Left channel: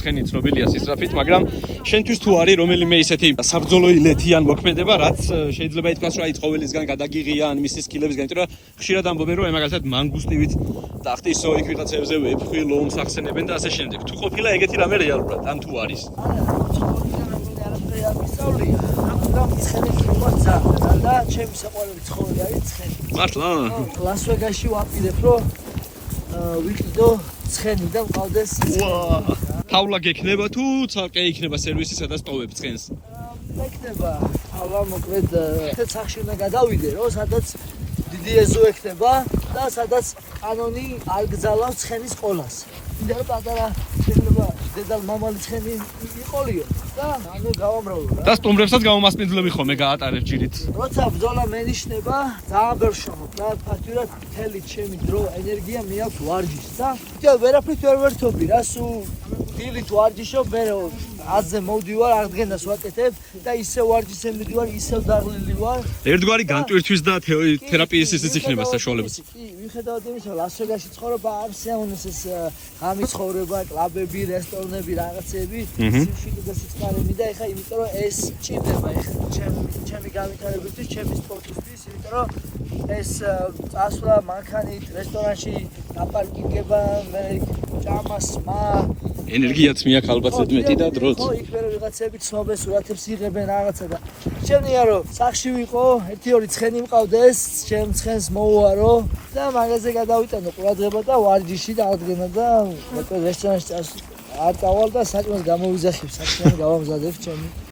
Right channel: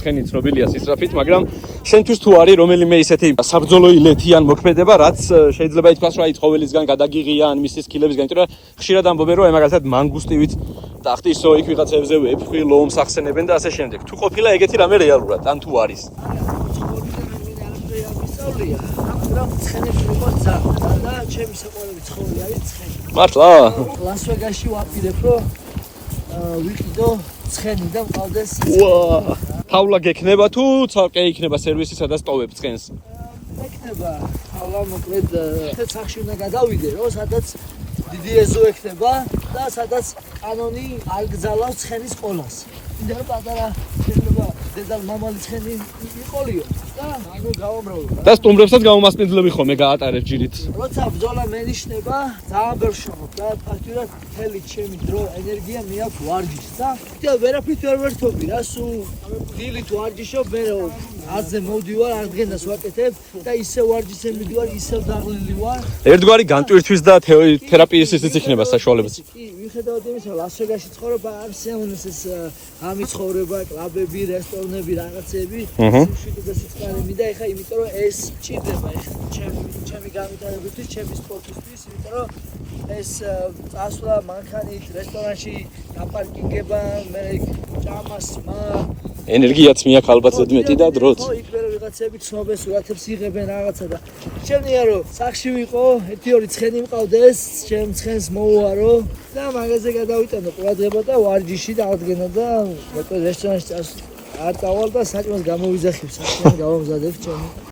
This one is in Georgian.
ცხენი ცნობილია სისწრაფით, მაგრამ შენთვის თუ არის რომელიმე ისეთი საბრძოლო ილეთი ან მოქმედება, რაც შეიძლება ითქვას, რომ აი ცხოველისგან გადაგიღია ან მისის სკილებისგან, იმიტომ რომ ხშირად ამბობენ, რომ მაგალითად მანგუსტივით ტახტის სოიქ ვიღაცებზე ვეფხვი ლომს ახსენებენ და ასე შემდეგ. თუ ყოფილა ეგეთი რამე რეალურად, ან თუ არის? და ჩემი საყვარელი ცხოველი არის ცხენი. მართლა? ლას-ვეგასში ვაპირებ, რომ ვიყიდო ცხენი და მყავდეს თავლა გექნება თუ ცალკე იქნება სერვისი, სადაც ტოვებ ცხენს? მექნება თავლა მოკლედ ერთ სახში უნდა გადავიდე, რომ სადაც დიდი ეზო ექნება და სადაც კანონი არ გძალავს ცხენის ყოლას. იმიტომ რომ პატარა შეიძლება დედალ მამალი ცხენი იყოლიო და ანუ გავამრავლო. და სტუმრებსაც გამომასპინძლები ხოლმე გაატარებ ჯირით. როცა ბრძოლა მენიშნება, ძალიან ბევრშობ და ფაქტურად მთელი ჩემი დრო, ენერგია მიაქვს ვარჯიშს და ვერაფრით ვერ ვერთობი რა, სულ დილით ვარჯიშობ, მე აზზე მოვდივარ, აღდგენას ვაკეთებ და ისევ ვარჯიშზე მივდივარ, ისევ დაღლილი ვარ. ერთგვარი განტვირთვის და თერაპიის ისიც იქნება საშუალება. კი, მიუხედავად იმისა, ლას-ვეგასში ცხოვრება არ სიამოვნებს ეს ღამის ცხოვრება, კლუბები, რესტორნები, რაღაცები, სიმშვიდე სიწყარები და ეხა იმიტომ რომ ეს ჭირდება ეხა ჩემი განვითარებისთვის, ჩემი სპორტისთვის, იმიტომ რომ ეს წასვლა მანქანით რესტორანში დაპარკინგება, მე ჭამას მა ენერგიაც მიაქვს ალბათ ზედმეტი და დროც. ხო, იქ მე ვიღაცები ცნობენ, სურათებს იღებენ რაღაცა და ჩემნია რომ სახში ვიყო, 1-2 ცხენი მყავდეს, ჩემ ცხენს მოვუარო და მაგაზე გადავიტანო ყურადღება და ვარჯიში და აღდგენა და მოკლედ რესტორანში არ წავალ და საჭმელს გამოვიძახებ, საჭმელი გავამზადებ ჩემი